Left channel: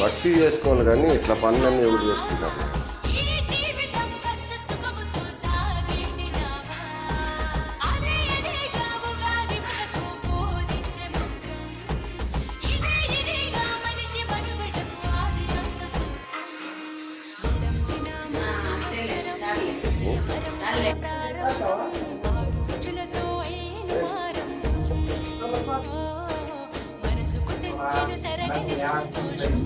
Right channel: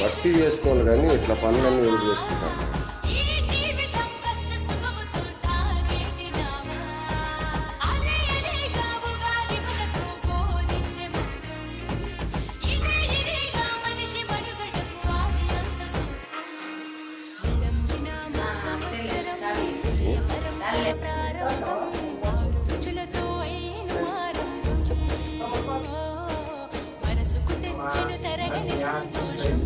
భక్తి చేసుకోవాలి కానీ ఇట్లా పనులన్నీ ఎవరు చేసుకుంటారు మేడం? మనసుకు తెచ్చెను తరగని సంతోషం.